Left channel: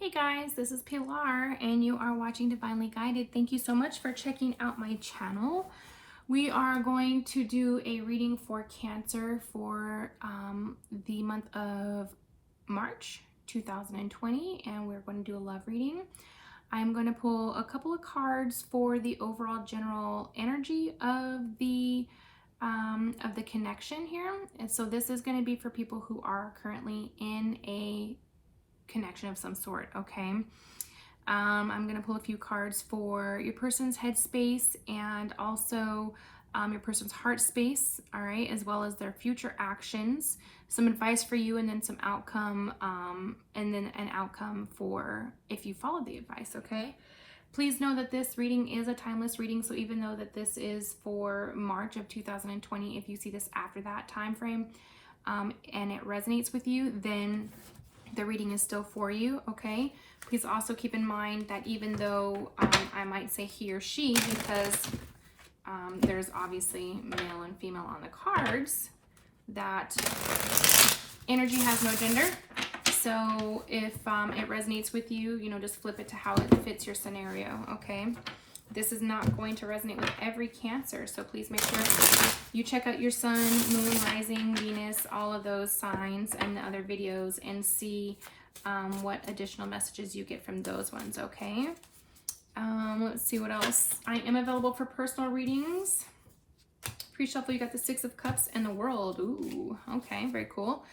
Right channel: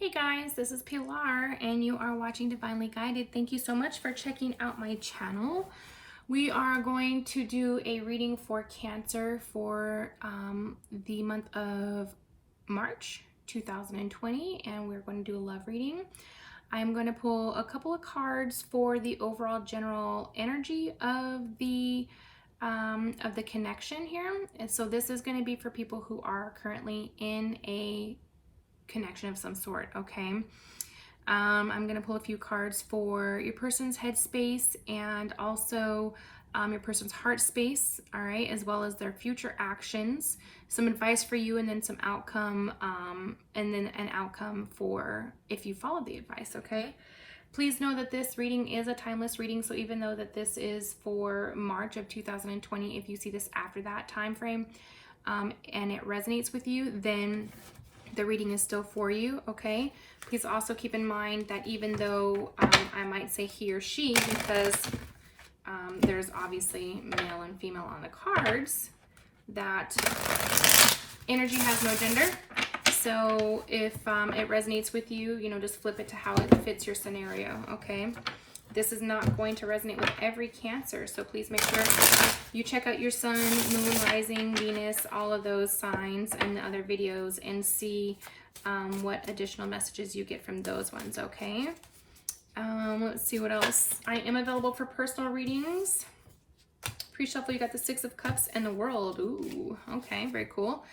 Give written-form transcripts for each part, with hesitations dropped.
Hey guys, this is Pilar and you are watching Divinely Guided. Thank you so much for checking out my channel. We are going to do a reading for Cancer for the month of March 2020, and we're going to do a love reading. I'm going to pull a couple of cards for the overall general energy of the connection here. And so this is going to be for people who are currently in a connection of some sort, okay? I'm going to pull a few cards for your person's headspace and also your person's heart space, all right, as well as their future actions, some advice for you, and then some outcome, and then an outcome for if you follow the advice, okay? Please know that this reading is a timeless reading, so even though that this is for March of 2020, if you see this after that time frame and it resonates with you, then the reading is still for you, okay? Please also keep in mind that even though I might say he or she, because there's obviously male and female on the cards, that energy has no gender. So if it resonates with you, just flip it to how it fits your scenario, okay? This is not going to resonate with every Cancer, so please make sure you check out your sun, moon, rising, Venus, all of those signs and the other videos and see what additional messages you get from those ones, okay? Let's see what else. I am available for personal readings. Pre-shuffle, you got the Six of Cups and the World. Ooh, okay, very cool.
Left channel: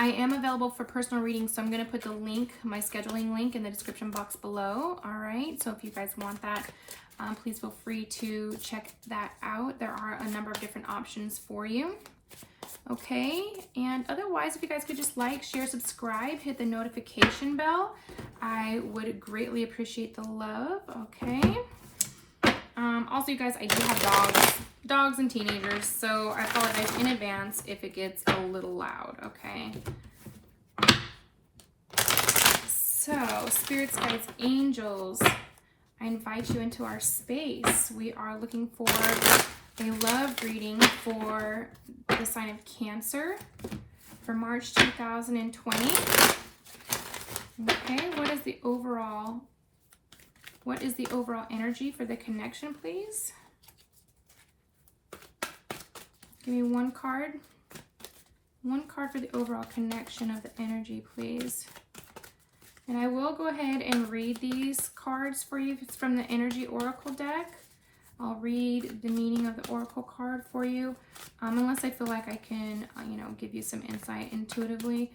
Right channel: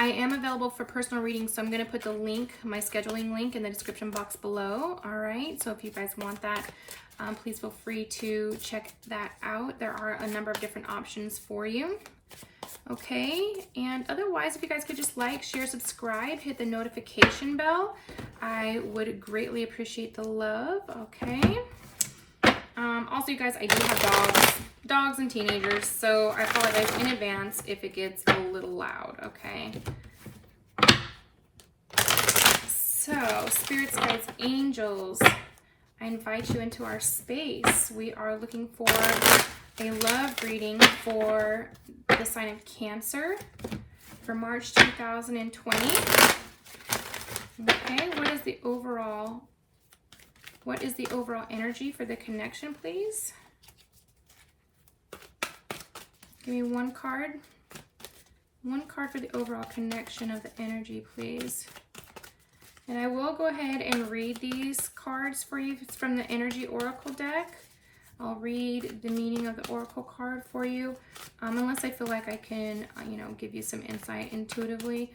I am available for personal readings, so I'm going to put the link, my scheduling link, in the description box below. All right, so if you guys want that, please feel free to check that out. There are a number of different options for you. Okay, and otherwise, if you guys could just like, share, subscribe, hit the notification bell, I would greatly appreciate the love. Okay. Also, you guys, I do have dogs and teenagers, so I apologize in advance if it gets a little loud, okay? So, spirits, guides, angels, I invite you into our space. We are looking for a love reading for the sign of Cancer for March 2020. Okay, what is the overall energy for the connection, please? Give me one card. One card for the overall connection of the energy, please. And I will go ahead and read these cards for you. It's from the Energy Oracle deck. I'll read the meaning of the Oracle card for you, unless I feel like I can, give you some insight intuitively,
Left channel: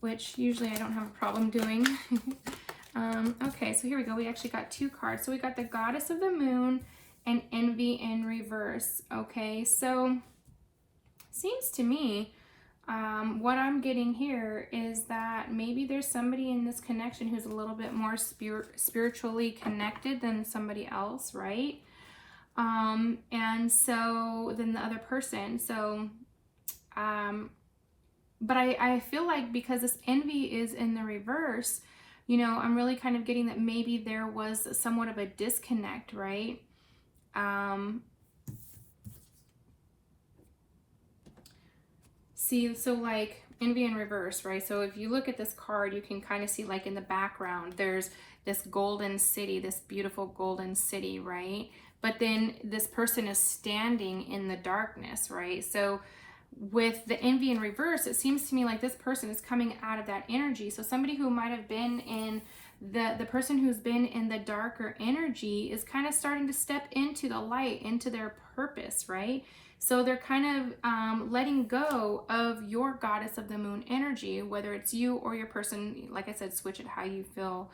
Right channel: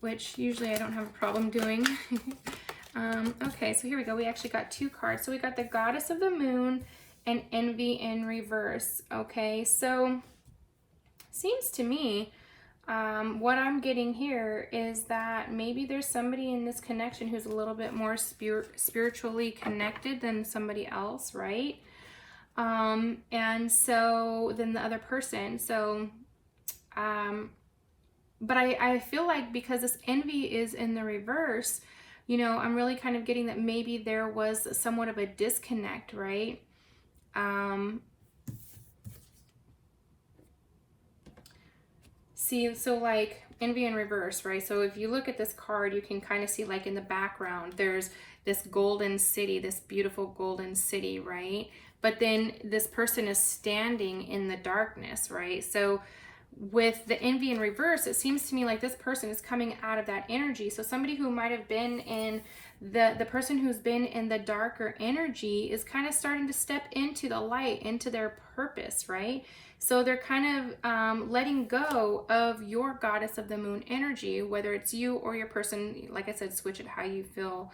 which usually I don't have a problem doing. Okay, so here we go. We actually got two cards. So we got the Goddess of the Moon and Envy in reverse. Okay, so seems to me what I'm getting here is that maybe there's somebody in this connection who's a little bit more spiritually connected than somebody else, right? And so than the other person. So but I feel like because this envy is in the reverse, I'm really kind of getting that maybe there was somewhat of a disconnect, right? See, so like envy in reverse, right? So if you look at this card, you can kind of see like in the background, there's this golden city, this beautiful golden city, right? But then this person is standing in the darkness, right? So with the envy in reverse, it seems to me like this person is coming out of that energy. So somebody who might have been in the person who's been in the darker energy is kind of starting to step into the light, into their purpose, right? So they're kind of letting go of your Goddess of the Moon energy, whether it's you or your person. Like I said, switch it how you feel,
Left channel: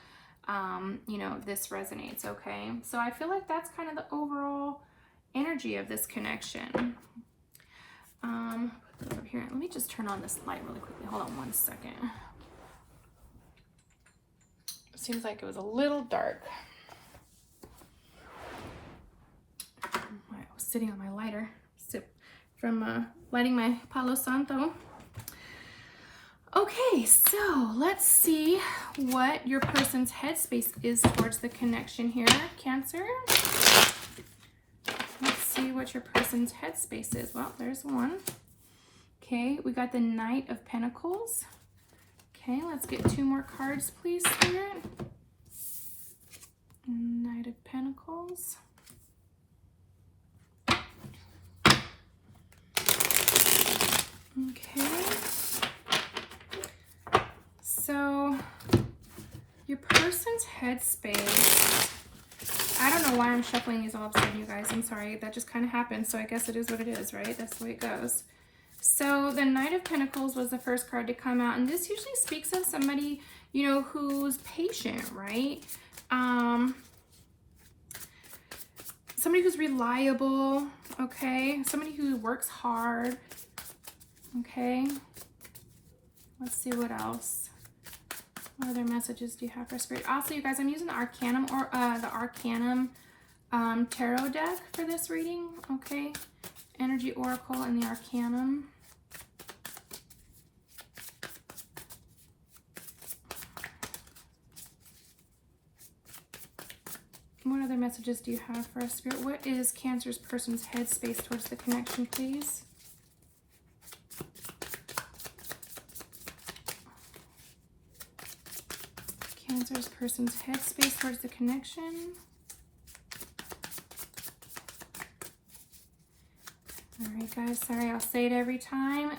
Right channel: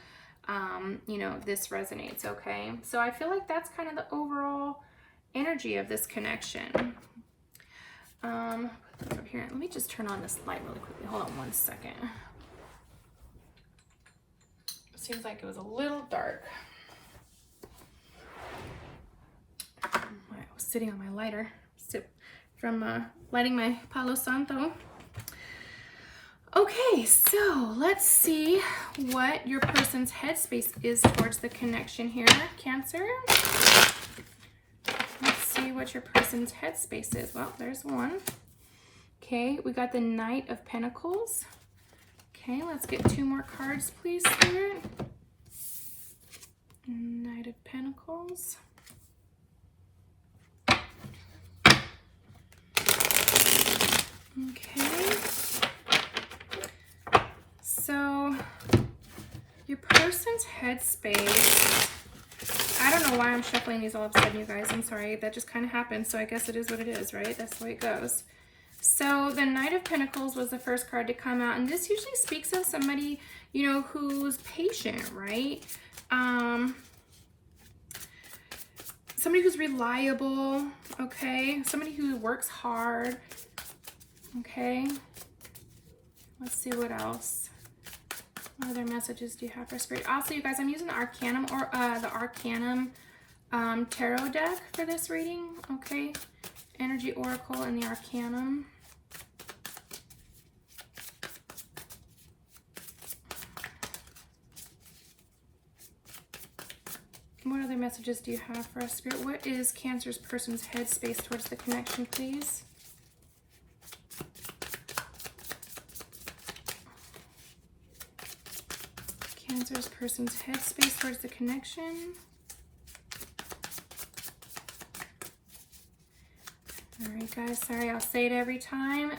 this resonates, okay? So I feel like that's kind of the overall energy of this connection. Put it up here. Let me just turn on this light really quickly. Hold on one second. It seems like it was a little dark. I was sitting on my lighter from lighting my Palo Santo. Okay, so let's see what your person's headspace is towards the connection here, Cancer. Let's see what your person's headspace is. Well, there's one. Okay, we got the Knight of Pentacles. Okay, let's get 2 more cards, please, Spirit. Knight of Pentacles. Okay. So, your person's headspace. I don't know why I'm shuffling these all of a sudden, you guys. I'm sorry. That just kind of happened. So I guess it is what it is, right? That's the way it goes. So the Knight of Pentacles was the first card to come out. And this usually speaks of somebody, you know, who's patient, right? Somebody who's reliable, okay? Somebody who works hard, okay? Let's see what else. What other messages do you have for Spirit? Also, you guys, I'm using the Arcanum or the Arcanum tarot deck for this reading, okay? Energy Oracle and the Arcanum. What other messages do you have for us, Spirit? What is Cancer's person's headspace towards the connection, please? Cancer's person's headspace towards the connection. All right, guys, sorry, I'll say it every time.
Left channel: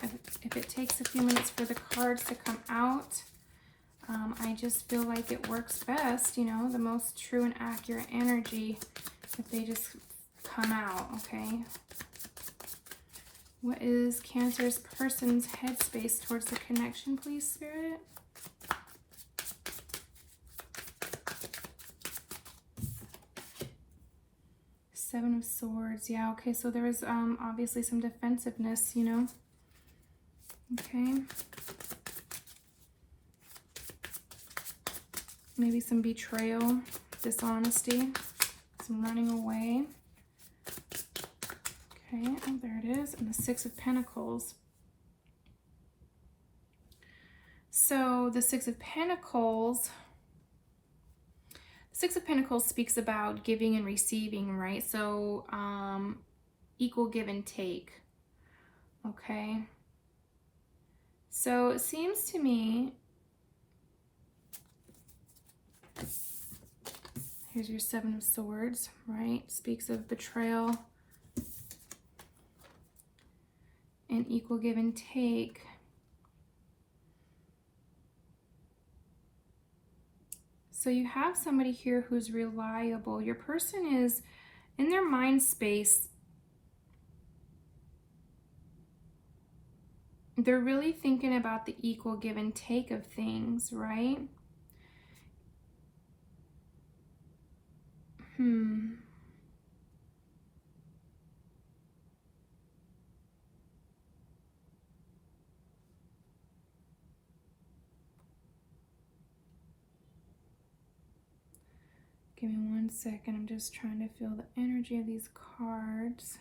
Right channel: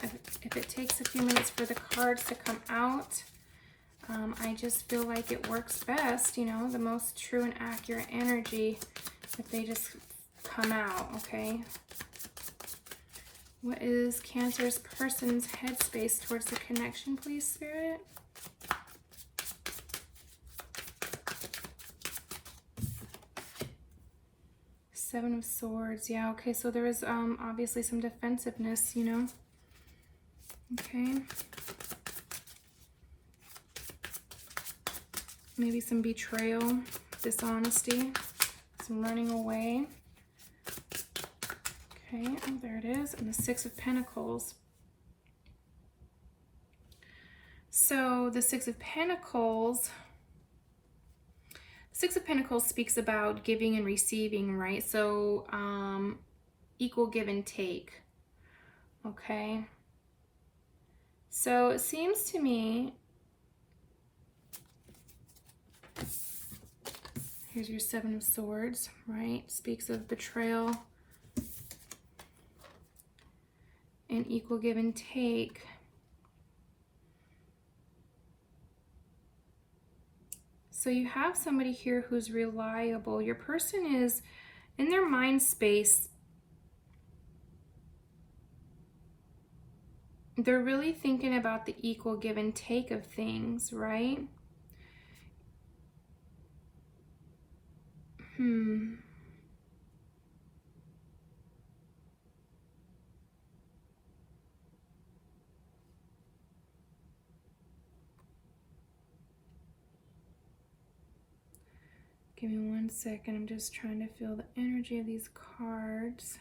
If it takes a few minutes for the cards to come out, I just feel like it works best, you know, the most true and accurate energy if they just come out, okay? What is Cancer's person's headspace towards the connection, please, Spirit? Seven of Swords. Yeah, okay, so there is obviously some defensiveness, you know. Okay. Maybe some betrayal, dishonesty, some running away. Okay, oh, there it is. And the Six of Pentacles. So the Six of Pentacles speaks about giving and receiving, right? So equal give and take. Okay. So it seems to me, here's your Seven of Swords, right? Speaks of betrayal and equal give and take. So you have somebody here who's reliable. Your person is in their mind space. They're really thinking about the equal give and take of things, right? Give me 1 second. I'm just trying to feel the energy of these cards.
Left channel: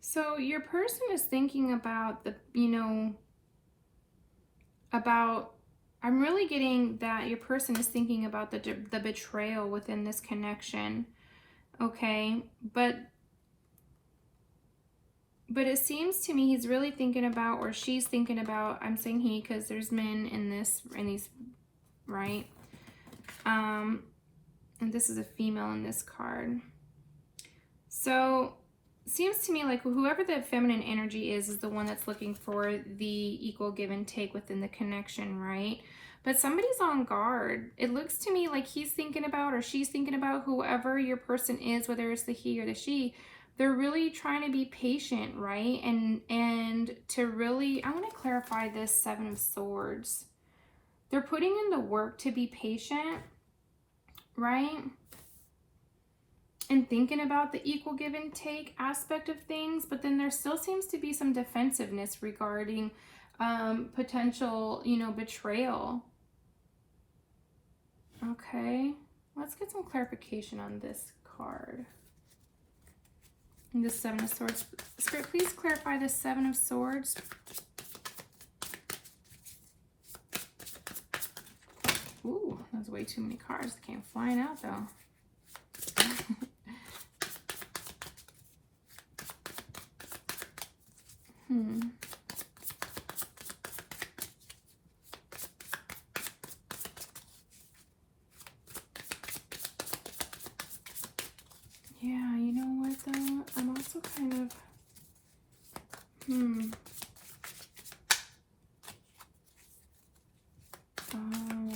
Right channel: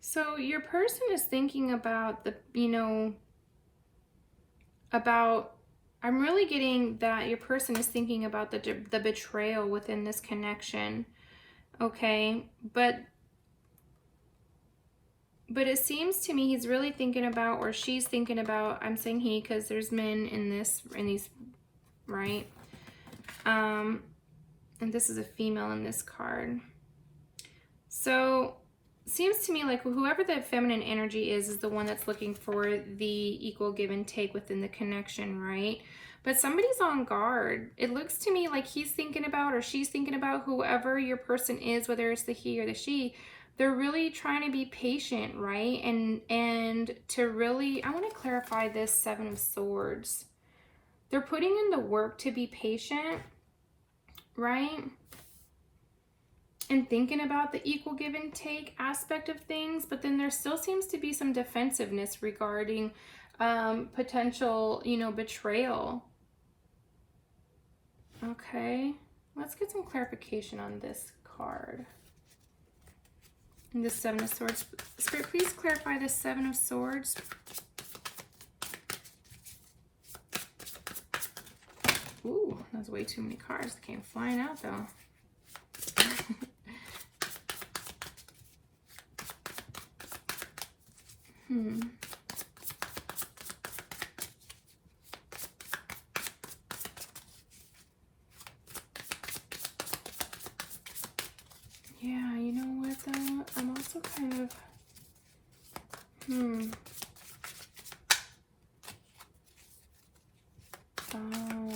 So your person is thinking about the, you know, I'm really getting that your person is thinking about the betrayal within this connection, okay? But it seems to me he's really thinking about, or she's thinking about, I'm saying he because there's men in these, right? And this is a female in this card. So seems to me like whoever the feminine energy is the one that's looking for the equal give and take within the connection, right? But somebody's on guard. It looks to me like he's thinking about, or she's thinking about, whoever your person is, whether it's the he or the she, they're really trying to be patient, right? And to really, I want to clarify this Seven of Swords. They're putting in the work to be patient, right? And thinking about the equal give and take aspect of things, but then there still seems to be some defensiveness regarding potential, you know, betrayal. Okay, let's get some clarification on this card. And the Seven of Swords. Spirit, please clarify the Seven of Swords. Ooh, that's way too many cards. They came flying out though. Yeah, you know what though? I'm also kind of, Oh,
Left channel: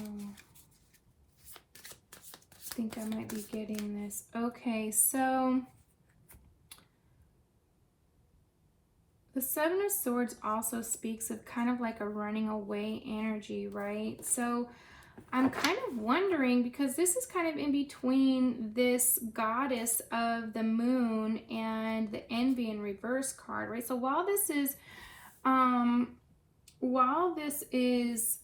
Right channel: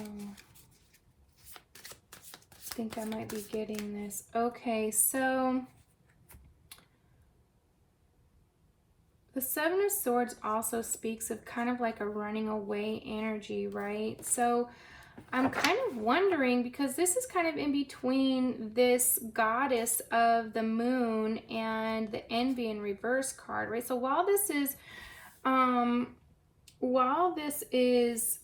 I think I might be getting this. Okay, so the Seven of Swords also speaks of kind of like a running away energy, right? So I'm kind of wondering, because this is kind of in between this goddess of the moon and the envy in reverse card, right? So while this is,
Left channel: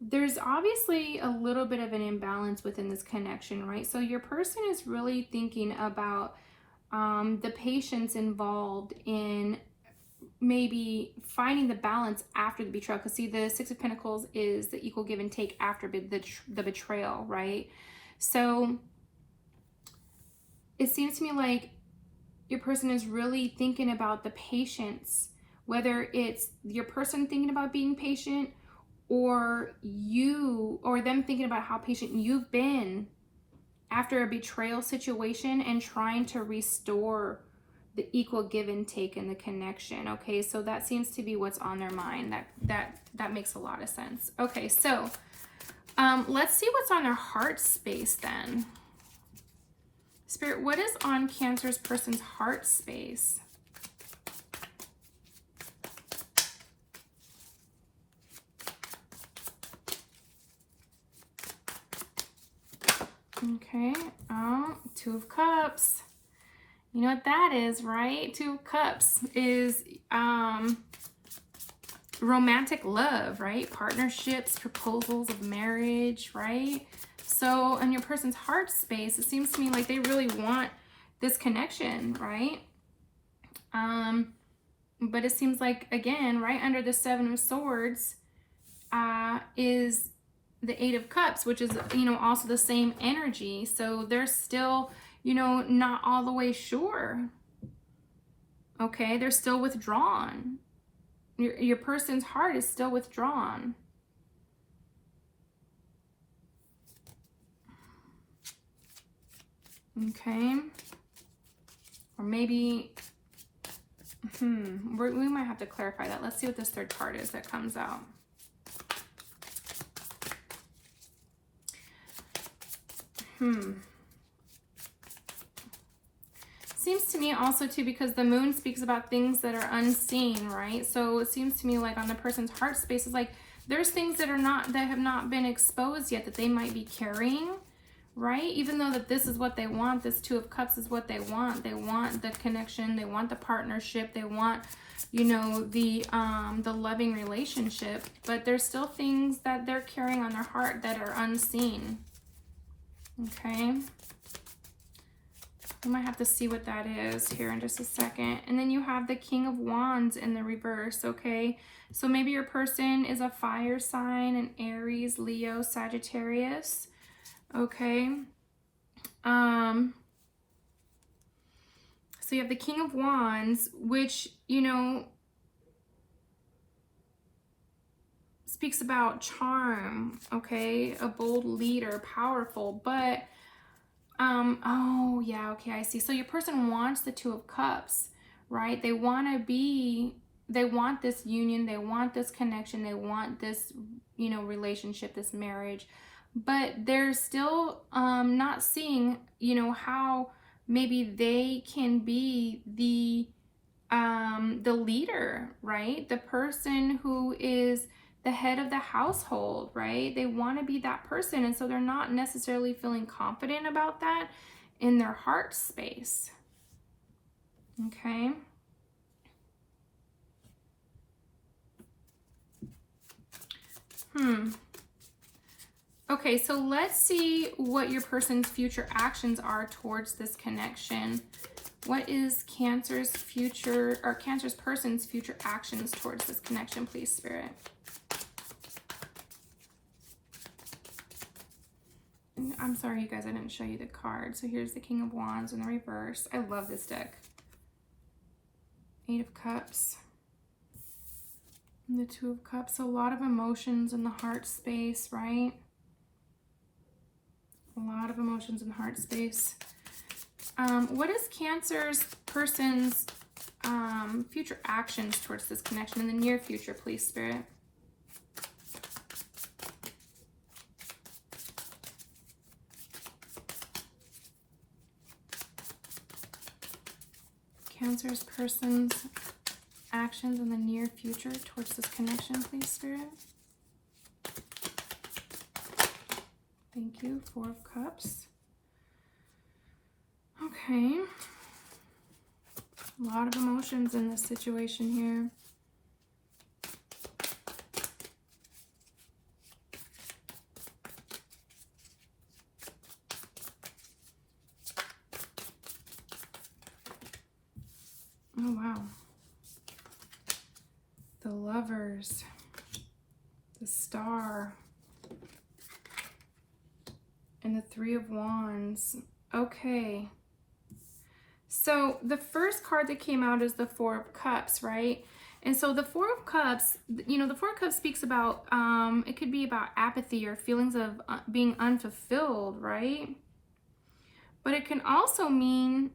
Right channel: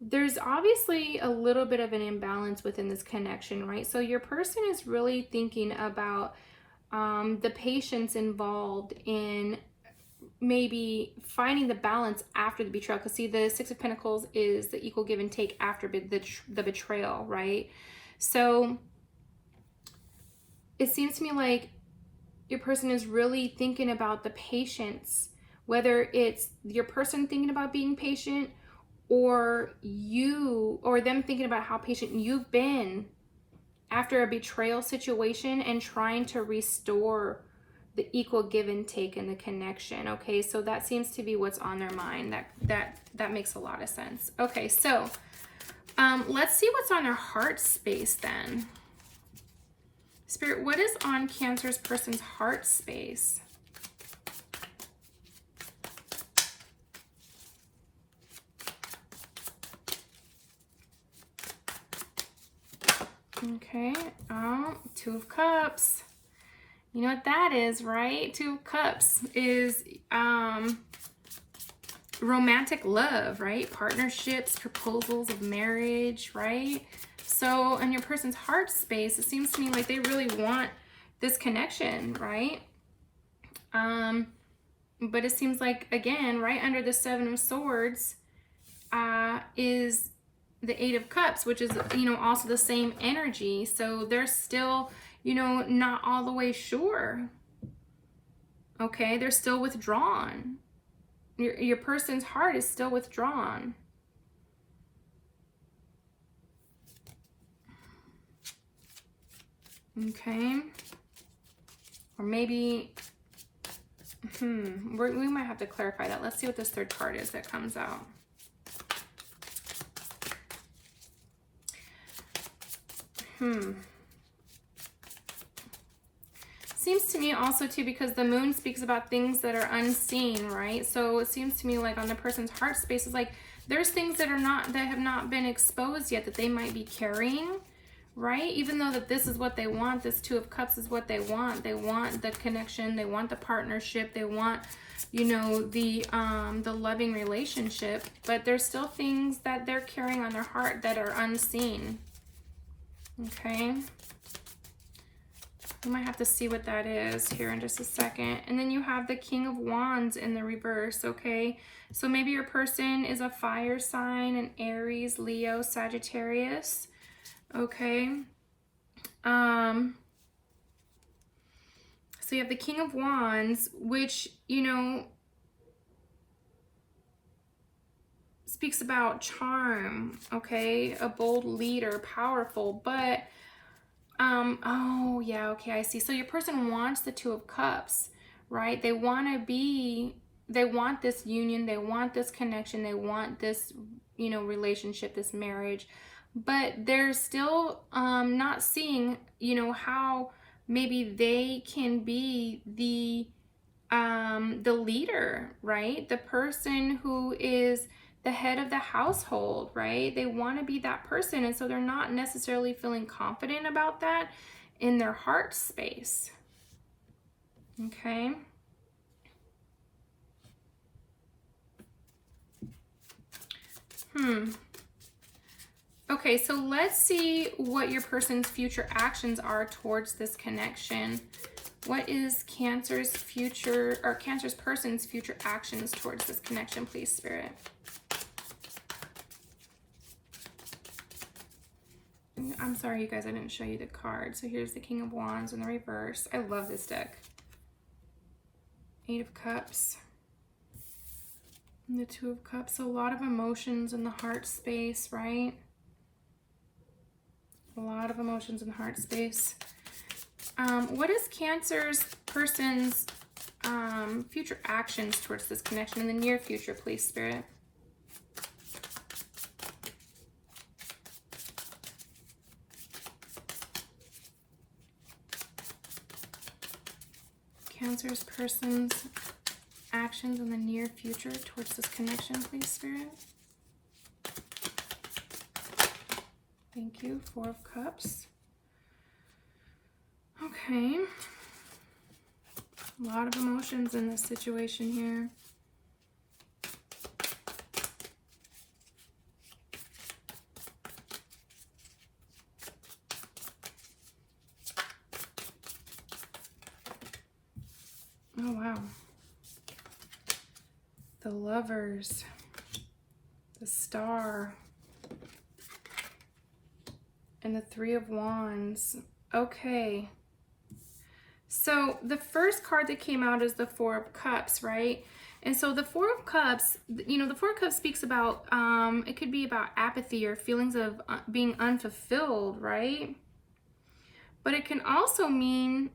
there's obviously a little bit of an imbalance within this connection, right? So your person is really thinking about the patience involved in maybe finding the balance after the betrayal. Because see, the Six of Pentacles is the equal give and take after the betrayal, right? So it seems to me like your person is really thinking about the patience, whether it's your person thinking about being patient or you or them thinking about how patient you've been after a betrayal situation and trying to restore the equal give and take in the connection. Okay, so that seems to be what's on their mind. That makes a lot of sense. Okay, so let's see what's on their heart space then. Spirit, what is on Cancer's person's heart space? Okay, Two of Cups. You know what that is, right? Two of Cups is romantic love, right? Partnerships, proposals of marriage, right? So in your person's heart space, it seems to me like they really want this connection, right? But it seems like, again, right under the Seven of Swords is the Eight of Cups, which is, you know, also the same energy. So they're still, you know, not all the way sure. Okay, they're still withdrawn. Your person's heart is still withdrawn. Okay. Or maybe, we might have to clarify that. Let's see what this third card is that comes out. Seems to me also too, because the moon speaks about things that are unseen, right? So it seems to me like on the person's heart space is like there's things that have not been exposed yet that they might be carrying, right? Even though that this is what they want, this Two of Cups is what they want. They want the connection, they want the partnership, they want, you know, the loving relationship, but there's still things that they're carrying on their heart that are unseen. Okay. We might have to see what that is here in just a second. And then you have the King of Wands in the reverse, okay? So maybe your person is a fire sign, an Aries, Leo, Sagittarius, okay? So you have the King of Wands, which, you know, speaks about charm, okay? A bold leader, powerful, but oh yeah, okay, I see. So your person wants the Two of Cups, right? They want this union, they want this connection, they want this, you know, relationship, this marriage, but they're still not seeing, you know, how maybe they can be the leader, right? The person who is the head of the household, right? They want to be that person, and so they're not necessarily feeling confident about that in their heart space. Okay. Okay, so let's see what your person's future actions are towards this connection. What is Cancer's future, or Cancer's person's future actions towards this connection, please, Spirit? I'm sorry, you guys, I didn't show you the card. So here's the King of Wands in the reverse. I love this deck. Eight of Cups. And the Two of Cups. So a lot of emotions in the heart space, right? A lot of emotions in the heart space. What is Cancer's person's future actions towards this connection in the near future, please, Spirit? Cancer's person's actions in the near future towards this connection, please, Spirit. Thank you. Four of Cups. Okay. A lot of emotions in this situation here. Oh, wow. The Lovers. The Star. And the Three of Wands. Okay. So the first card that came out is the Four of Cups, right? And so the Four of Cups, you know, the Four of Cups speaks about, it could be about apathy or feelings of being unfulfilled, right? But it can also mean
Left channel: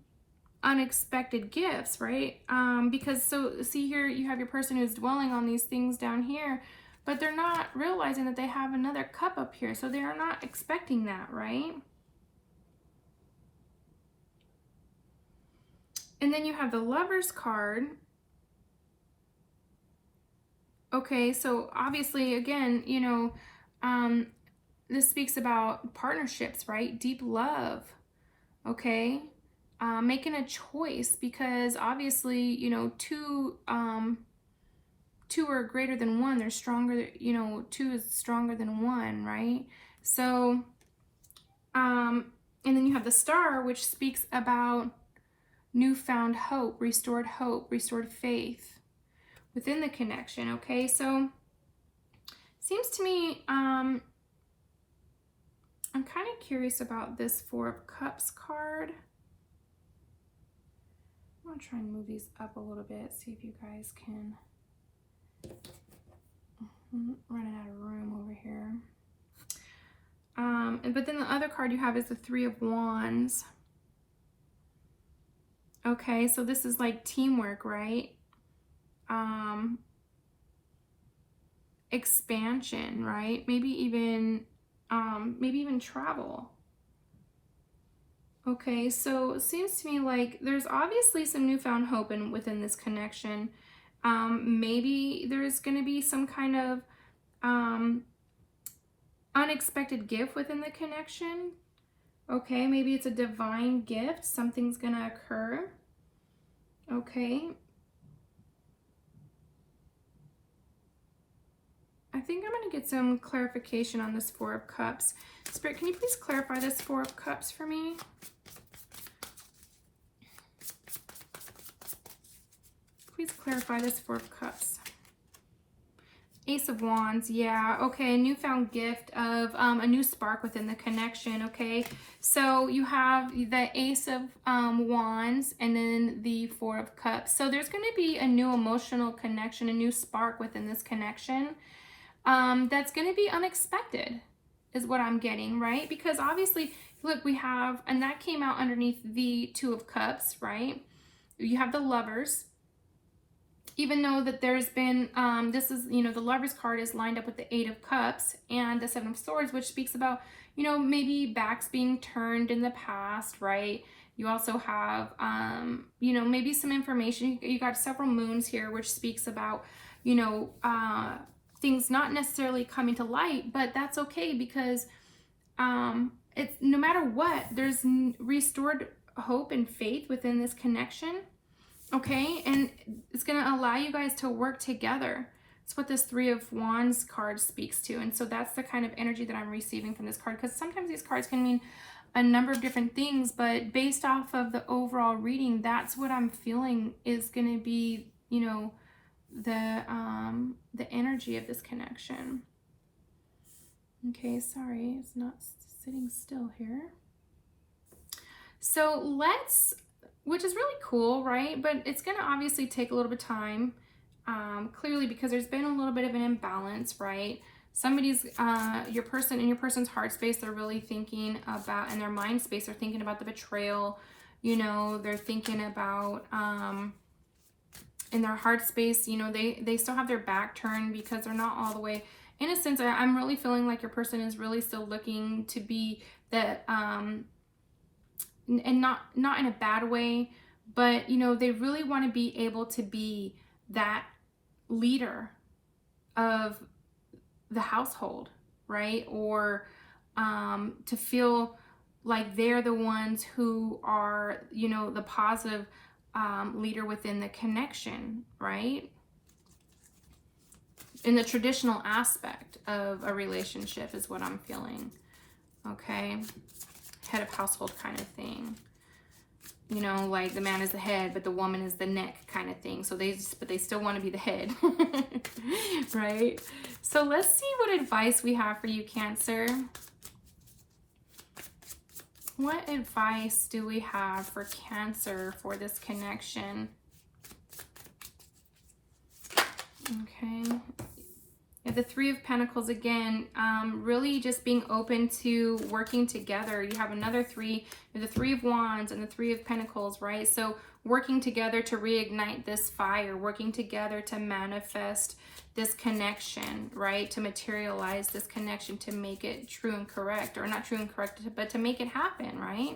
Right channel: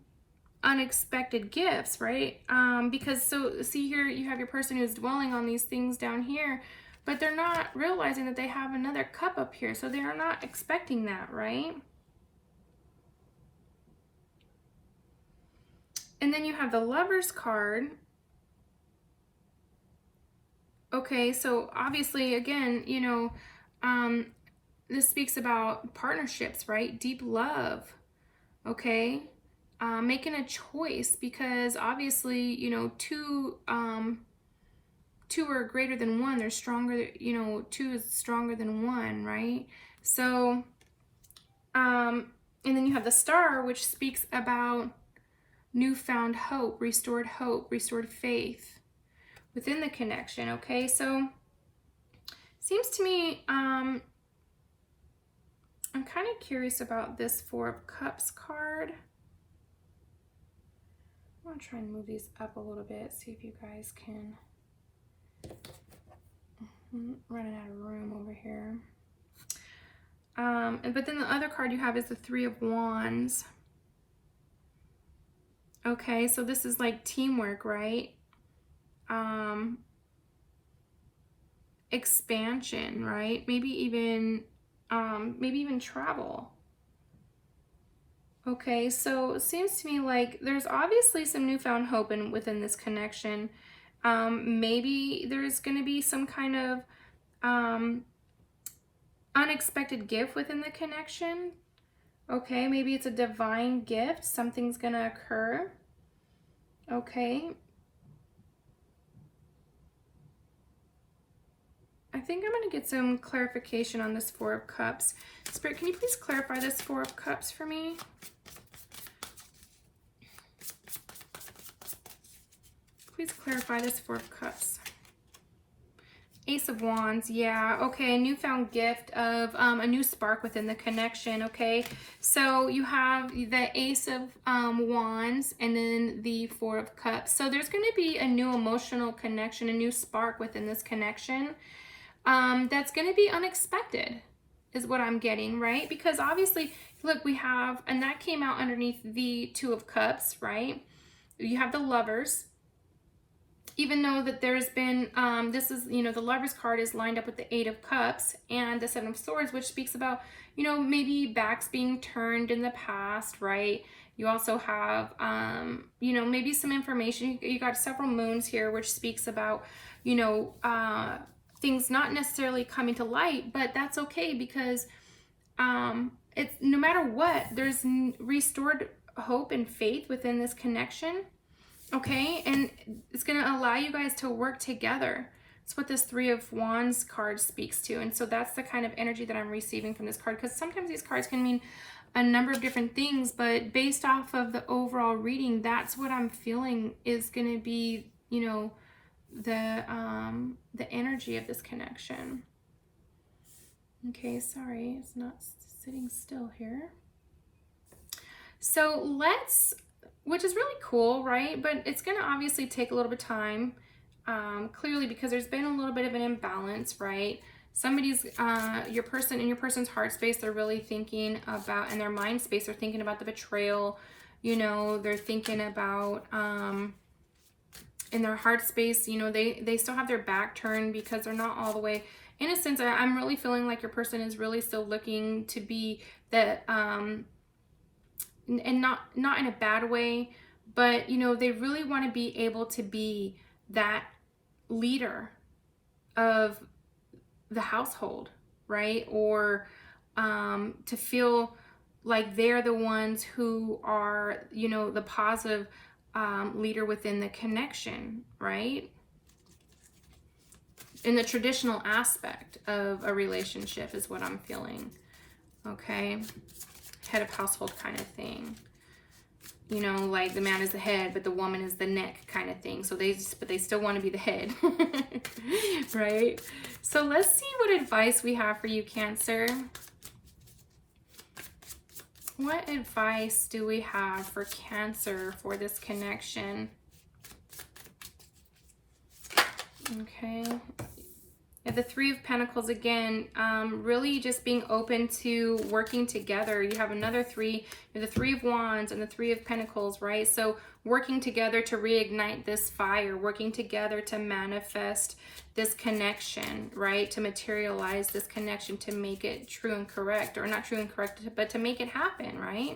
unexpected gifts, right? Because so see here, you have your person who's dwelling on these things down here, but they're not realizing that they have another cup up here. So they are not expecting that, right? And then you have the Lovers card. Okay, so obviously, again, you know, this speaks about partnerships, right? Deep love, okay? Making a choice, because obviously, you know, two are greater than one. They're stronger, you know, two is stronger than one, right? So, and then you have the Star, which speaks about newfound hope, restored faith within the connection, okay? So, seems to me, I'm kind of curious about this Four of Cups card. I'm going to try and move these up a little bit, see if you guys can. I'm running out of room over here. But then the other card you have is the Three of Wands. Okay, so this is like teamwork, right? Expansion, right? Maybe even travel. Okay, so it seems to me like there's obviously some newfound hope within this connection. Maybe there's going to be some kind of unexpected gift within the connection. Okay, maybe it's a divine gift. Something's going to occur. Okay. I think I'm going to get some clarification on this Four of Cups. Spirit, can you please clarify this Four of Cups for me? Please clarify this Four of Cups. Ace of Wands, yeah, okay, a newfound gift of a new spark within the connection, okay? So you have the Ace of Wands and then the Four of Cups. So there's going to be a new emotional connection, a new spark within this connection that's going to be unexpected is what I'm getting, right? Because obviously, look, we have, and that came out underneath the Two of Cups, right? You have the Lovers. Even though that there's been, this is, you know, the Lovers card is lined up with the Eight of Cups and the Seven of Swords, which speaks about, you know, maybe backs being turned in the past, right? You also have, you know, maybe some information. You got several moons here, which speaks about, you know, things not necessarily coming to light, but that's okay because it's no matter what, there's restored hope and faith within this connection. Okay, and it's going to allow you guys to work together, It's what this Three of Wands card speaks to. And so that's the kind of energy that I'm receiving from this card, because sometimes these cards can mean a number of different things, but based off of the overall reading, that's what I'm feeling is going to be, you know, the energy of this connection. Okay, sorry, it's not sitting still here. So let's, which is really cool, right? But it's going to obviously take a little bit of time, clearly, because there's been a little bit of an imbalance, right? Somebody's, your person, in your person's heart space, they're really thinking about, in their mind space, they're thinking about the betrayal, you know, they're thinking about, in their heart space, you know, they still have their back turned because they're not all the way, in a sense, I'm really feeling like your person is really still looking to be that, and not in a bad way, but, you know, they really want to be able to be that leader of the household, right? Or to feel like they're the ones who are, you know, the positive leader within the connection, right? In the traditional aspect of a relationship is what I'm feeling, okay? Head of household kind of thing. You know, like the man is the head, but the woman is the neck kind of thing. So they still want to be the head, right? So let's see what advice we have for you, Cancer. What advice do we have for Cancer for this connection? Okay. Yeah, the Three of Pentacles again, really just being open to working together. You have another three, the Three of Wands and the Three of Pentacles, right? So working together to reignite this fire, working together to manifest this connection, right? To materialize this connection, to make it true and correct, or not true and correct, but to make it happen, right?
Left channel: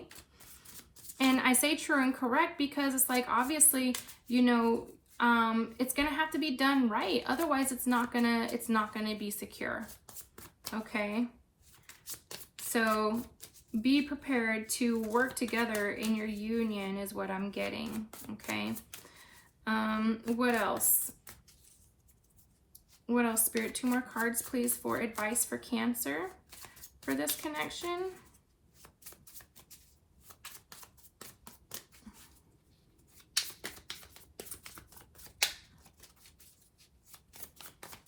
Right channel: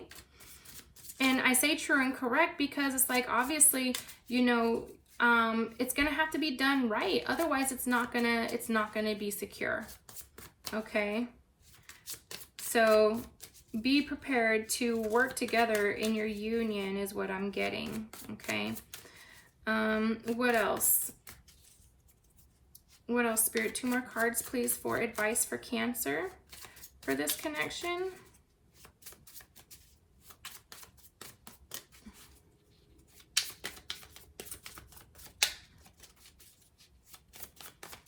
And I say true and correct because it's like, obviously, you know, it's gonna have to be done right. Otherwise, it's not gonna be secure. Okay. So be prepared to work together in your union is what I'm getting. Okay. What else? What else, Spirit? 2 more cards, please, for advice for Cancer for this connection.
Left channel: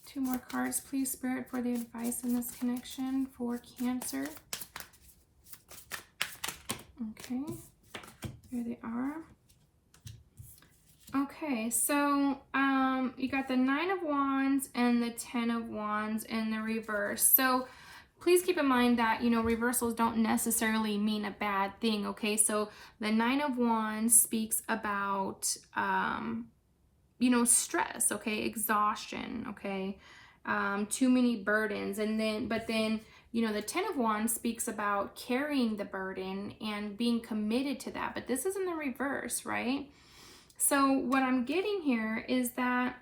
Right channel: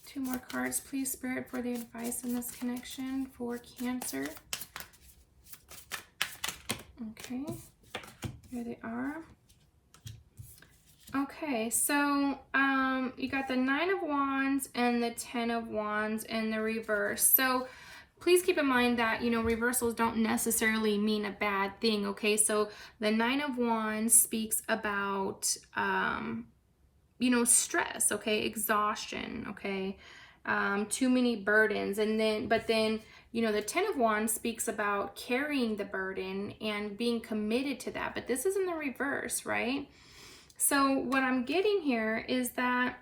Two more cards, please, Spirit, for the advice in this connection for Cancer. Okay, here they are. Okay, so you got the 9 of Wands and the 10 of Wands in the reverse. So please keep in mind that, you know, reversals don't necessarily mean a bad thing, okay? So the 9 of Wands speaks about, you know, stress, okay? Exhaustion, okay? Too many burdens. But then, you know, the 10 of Wands speaks about carrying the burden and being committed to that. But this is in the reverse, right? So what I'm getting here is that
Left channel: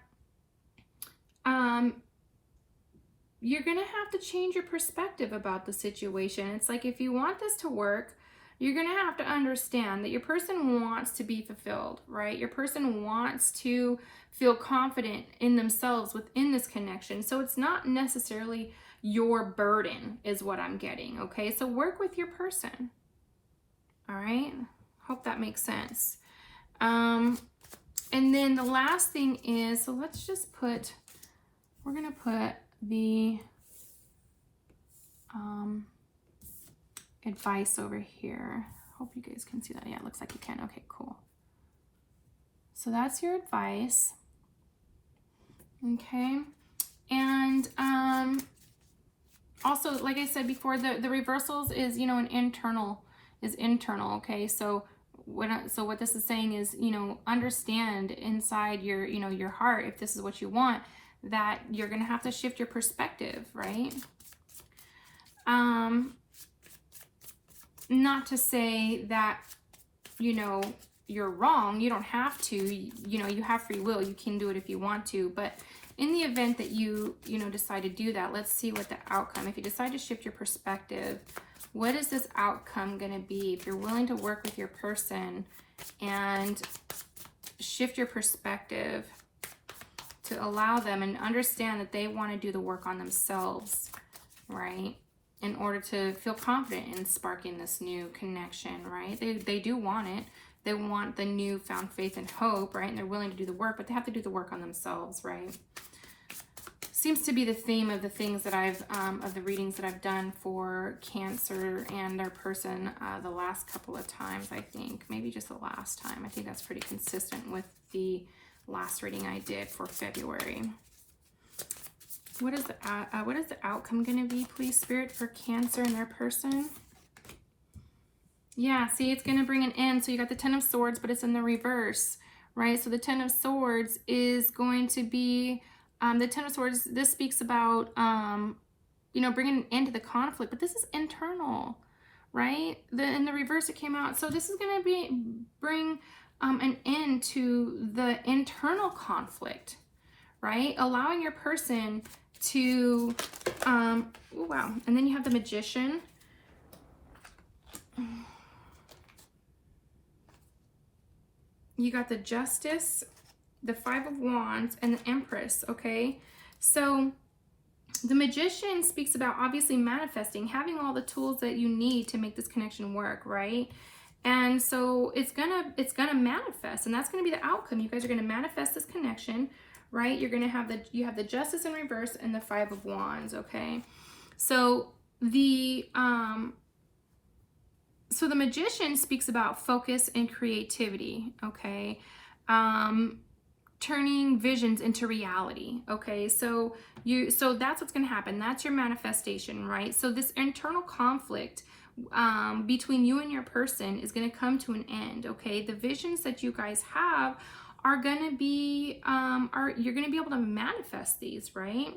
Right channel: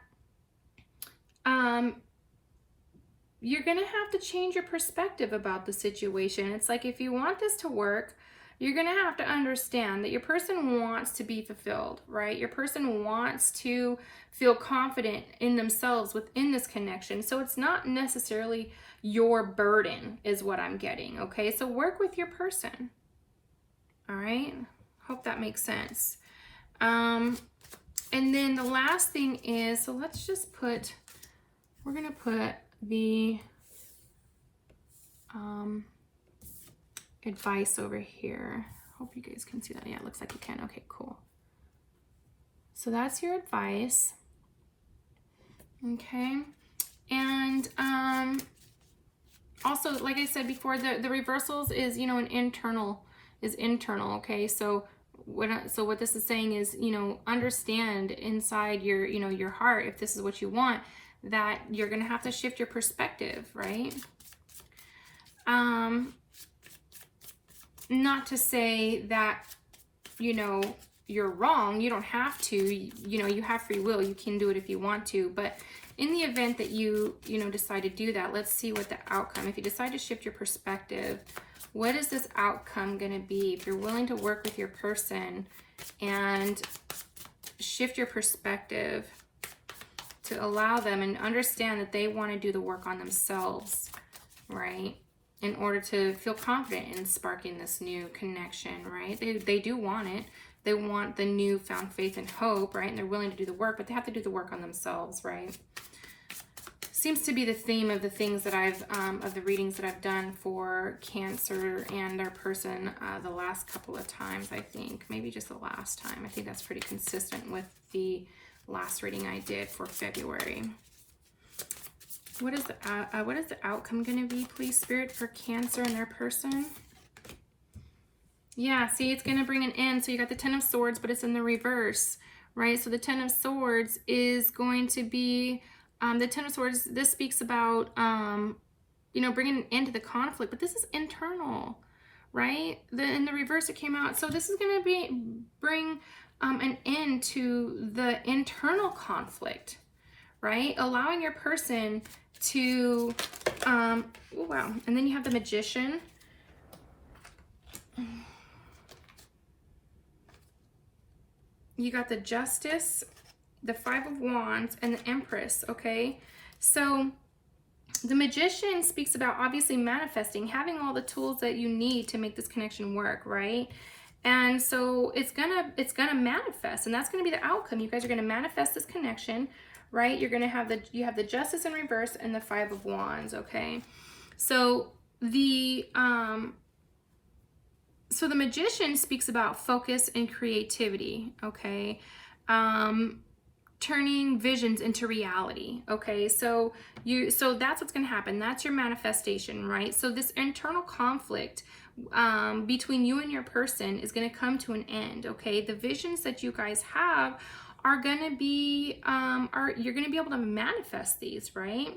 you're going to have to change your perspective about the situation. It's like, if you want this to work, you're going to have to understand that your person wants to be fulfilled, right? Your person wants to feel confident in themselves within this connection. So it's not necessarily your burden is what I'm getting, okay? So work with your person, all right? Hope that makes sense. And then the last thing is, so let's just put, we're going to put the advice over here. Hope you guys can see that. Yeah, it looks like you can. Okay, cool. So that's your advice. Okay. And also, like I said before, the reversals is, you know, an internal, okay? So what this is saying is, you know, understand inside your, you know, your heart, if this is what you want, that you're going to have to shift your perspective, right? Not to say that, you know, you're wrong. You don't have to, you know, you have free will. You can do it if you want to. But in the event that you know, decide to do that, let's see what the outcome, if you decide to shift your perspective, what is this outcome going to be? If you're willing to work with your person and shift your perspective to allow them and understand that they want to do the work on themselves, right? In order to feel confident in sparking this new connection, right? They do want it. They want the newfound faith and hope, right? And they're willing to do the work, but they have to do the work on themselves, right? Seems to be the theme of the things that I've, of the readings that I've done for Cancer and their person the last couple of times, I think. Maybe just the last time. I think that's pretty consistent with the last reading I did for February. What is the outcome going to be, please, Spirit, for Cancer and their person? Yeah, see, it's going to bring an end. So you got the Ten of Swords, but it's in the reverse, right? So the Ten of Swords is going to be, the Ten of Swords, this speaks about, you know, bringing an end to the conflict, but this is internal, right? In the reverse, it came out. So this is going to bring an end to the internal conflict, right? Allowing your person to, oh, wow. And then you have the Magician. You got the Justice, the Five of Wands, and the Empress, okay? So the Magician speaks about obviously manifesting, having all the tools that you need to make this connection work, right? And so it's gonna manifest, and that's gonna be the outcome. You guys are gonna manifest this connection, right? You're gonna have you have the Justice in reverse and the Five of Wands, okay? So the Magician speaks about focus and creativity, okay? Turning visions into reality, okay? So that's what's going to happen. That's your manifestation, right? So this internal conflict between you and your person is going to come to an end, okay? The visions that you guys have are going to be, you're going to be able to manifest these, right?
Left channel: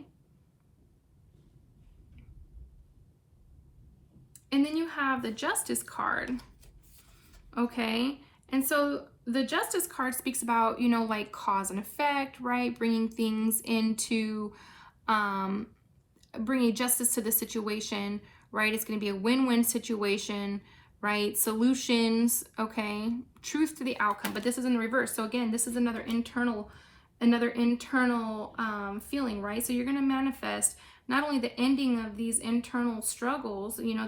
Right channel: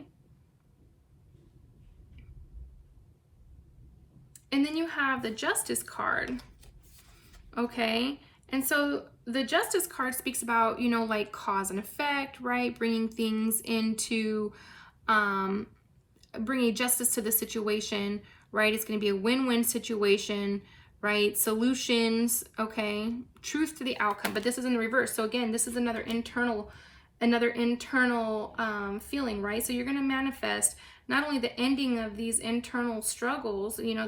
And then you have the Justice card, okay? And so the Justice card speaks about, you know, like cause and effect, right? Bringing things into, bringing justice to the situation, right? It's going to be a win-win situation, right? Solutions, okay? Truth to the outcome, but this is in the reverse. So again, this is another internal feeling, right? So you're going to manifest not only the ending of these internal struggles, you know,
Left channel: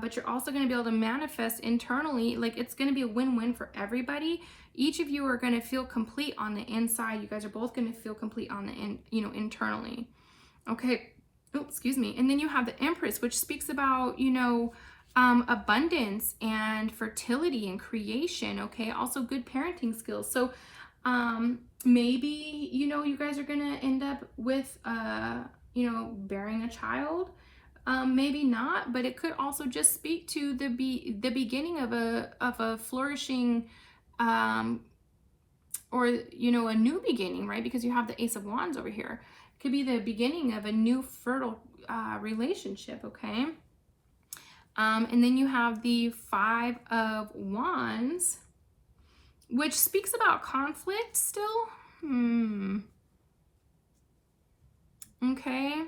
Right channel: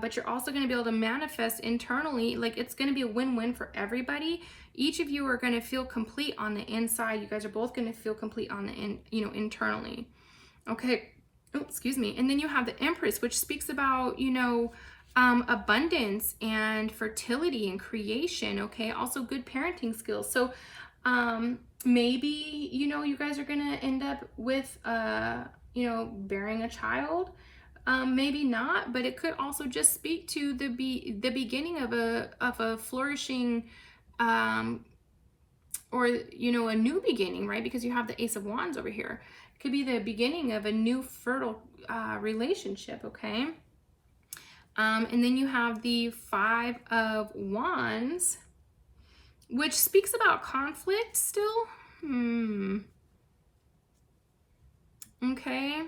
but you're also going to be able to manifest internally, like it's going to be a win-win for everybody. Each of you are going to feel complete on the inside. You guys are both going to feel complete on the internally. Okay. Oh, excuse me. And then you have the Empress, which speaks about, you know, abundance and fertility and creation. Okay. Also good parenting skills. So, maybe, you know, you guys are going to end up with, you know, bearing a child. Maybe not, but it could also just speak to the beginning of a flourishing, or, you know, a new beginning, right? Because you have the Ace of Wands over here. It could be the beginning of a new fertile, relationship. Okay. And then you have the Five of Wands, which speaks about conflict still. Okay.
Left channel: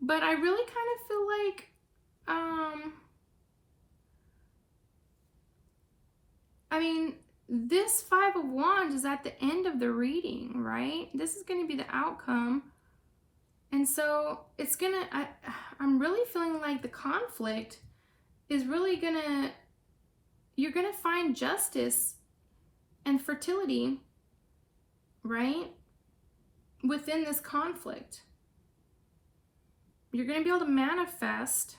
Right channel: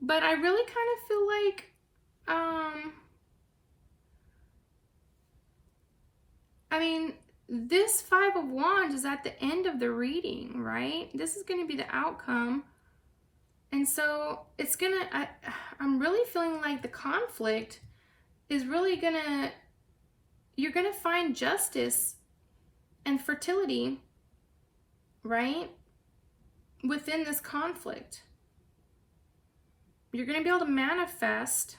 But I really kind of feel like, I mean, this Five of Wands is at the end of the reading, right? This is going to be the outcome. And so it's going to, I'm really feeling like the conflict is really going to, you're going to find justice and fertility, right? Within this conflict. You're going to be able to manifest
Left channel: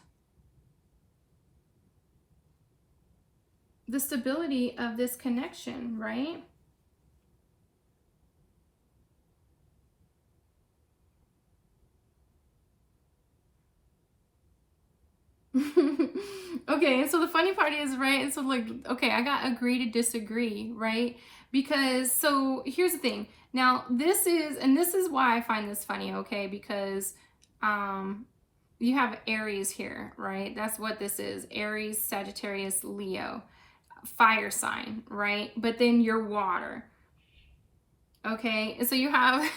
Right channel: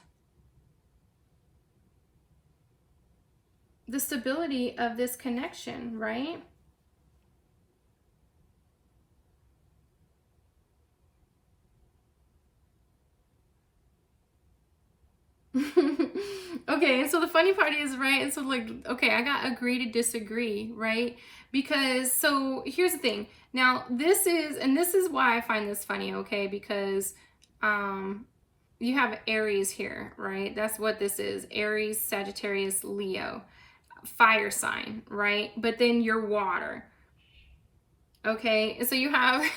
the stability of this connection, right? Okay, and so the funny part is, right, so like, okay, I got agree to disagree, right? Because, so here's the thing. Now, this is why I find this funny, okay? Because, you have Aries here, right? That's what this is. Aries, Sagittarius, Leo. Fire sign, right? But then you're water. Okay, so you have,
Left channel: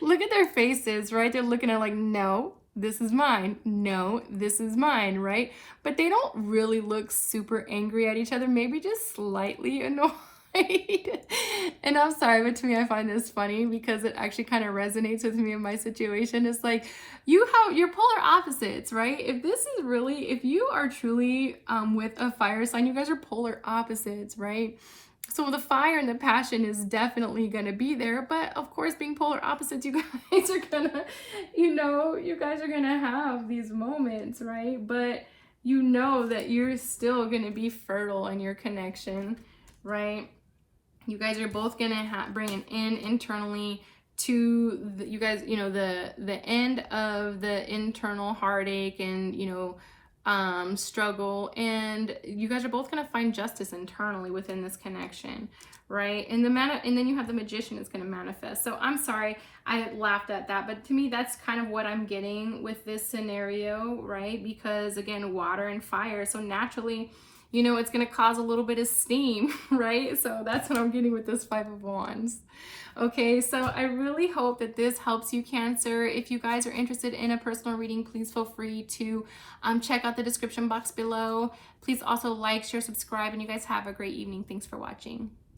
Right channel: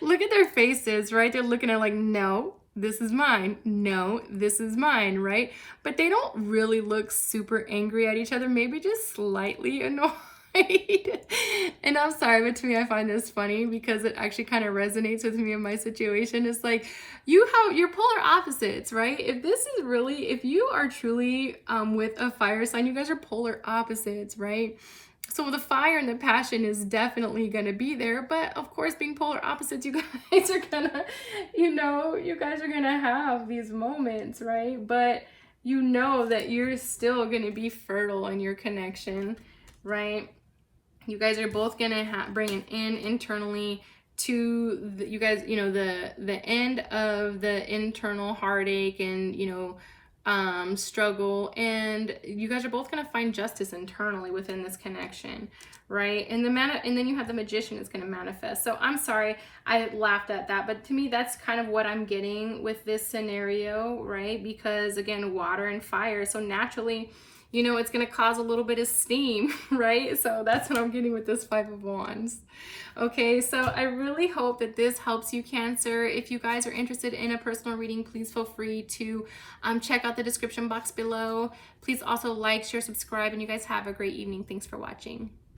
look at their faces, right? They're looking at like, no, this is mine. No, this is mine, right? But they don't really look super angry at each other. Maybe just slightly annoyed. right? And I'm sorry, but to me, I find this funny because it actually kind of resonates with me in my situation. It's like you're polar opposites, right? If you are truly with a fire sign, you guys are polar opposites, right? So the fire and the passion is definitely going to be there, but of course, being polar opposites, you guys are gonna, you guys are gonna have these moments, right? But you know that you're still going to be fertile in your connection, right? You guys are both going to bring an end internally to you guys, the end of the internal heartache and, struggle, and you guys are both going to find justice internally within this connection, right? And then you have the Magician is going to manifest. So I'm sorry I laughed at that, but to me that's kind of what I'm getting with this scenario, right? Because again, water and fire, so naturally, it's going to cause a little bit of steam, right? So that's what I'm getting with this Five of Wands. Okay, so I really hope that this helps you, Cancer. If you guys are interested in a personal reading, please feel free to check out the description box below. Please also like, share, subscribe, and you guys have a great evening. Thanks for watching.